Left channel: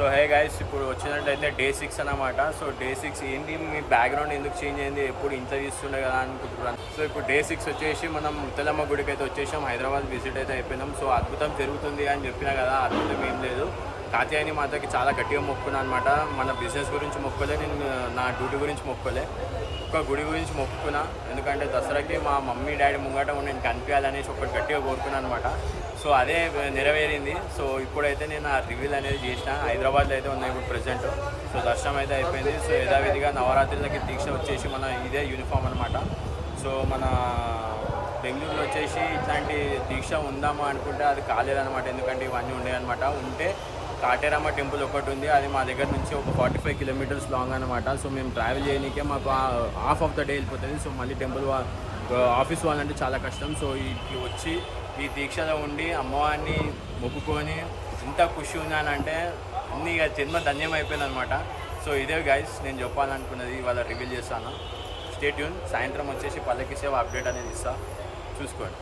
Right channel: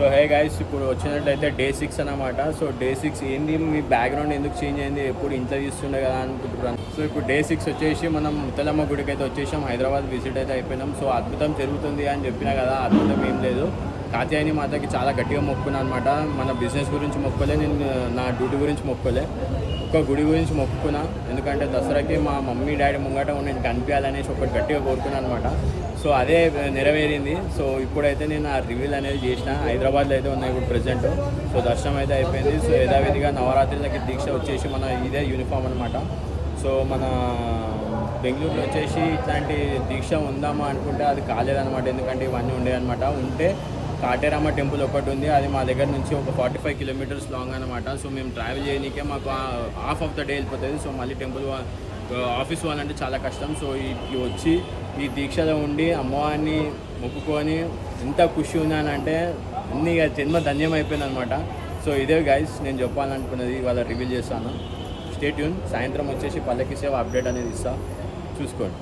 So hey guys, ఇప్పుడు వచ్చినట్లయితే day 6 అన్నమాట. సో డే 6 ఏంది, మీ బ్యాక్గ్రౌండ్ ఎందుకు చేంజ్ అయింది, ఎప్పుడు ఇంట్లో తీస్తుండే కదా అనుకుంటున్నాను. సో ఇప్పుడు డే 6 వచ్చేసి మనం ముత్తలమ్మ గుడికి అయితే వచ్చేసాం. హైదరాబాద్ విజిట్ అయితే అయిపోయినాం. సో అద్భుతం జరుగుతుంది అని చెప్పినా కదా, అద్భుతం ఏం లేదు. కాత్యాయని మాతకి చాలా గట్టిగా మొక్కుకున్నాను అనమాట. మన బిజినెస్ గురించి మొక్కలే, నేను నా డ్యూటీ గురించి మొక్కలే, ఒక గుడి గురించి మొక్కుకున్నా. ఎందుకంటే దసరాకి మా మమ్మీ డాడీ ముంగట నేను కనిపించాలనేసి ఒకటి గట్టిగా కోరుకున్నాను అనమాట. సో అదే నెరవేరింది. సో ఇప్పుడైతే నేను ఆ రివీల్ అనేది చేసిన. హైదరాబాద్లో అయితే ఉన్నాయి ఇప్పుడు ప్రజెంట్. సో దర్శనం అయితే అయిపోయింది. సో యథావిధిగా నవరాత్రులకి దీక్ష వచ్చేసి మన ఇదే యూనిఫామ్ అనమాట. సో మన బెంగళూరులో వచ్చేసి ఇట్లాంటి దీక్ష ఉందామా అనుకుంటే అది కాలేదనమాట. ఎందుకంటే ఇవన్నీ ఉండే అనమాట. ఉంటే కాటేరమ్మ టెంపుల్ ఒకటి ఉంది, అది మా దగ్గర నుంచి ఒక 45 కిలోమీటర్స్ లాంగ్ అనమాట. సో మేము ట్రావెల్ చేయడానికే మాకు హాఫ్ ఆఫ్ ద డే వెళ్ళిపోతుంది. సో మళ్ళీ టెంపుల్ ఆఫీస్ వాళ్ళంటే చాలా కష్టం. సో ఇది వచ్చి ఈ దీక్షలో ఉండి అమ్మవారిని మొక్కుకొని ఎంత ఖుషి ఉన్నానంటే అన్ని జన్మ ధన్యం అయిపోయింది అనమాట. సో ఇదే గైస్ నేను చెప్పాలనుకున్నది, ఇవాళ రివీల్ చేస్తాను. Stay tune. సాయంత్రం వచ్చేసి పల్లకి సేవ అప్డేట్ అనేది ఇస్తా, చూసుకోండి.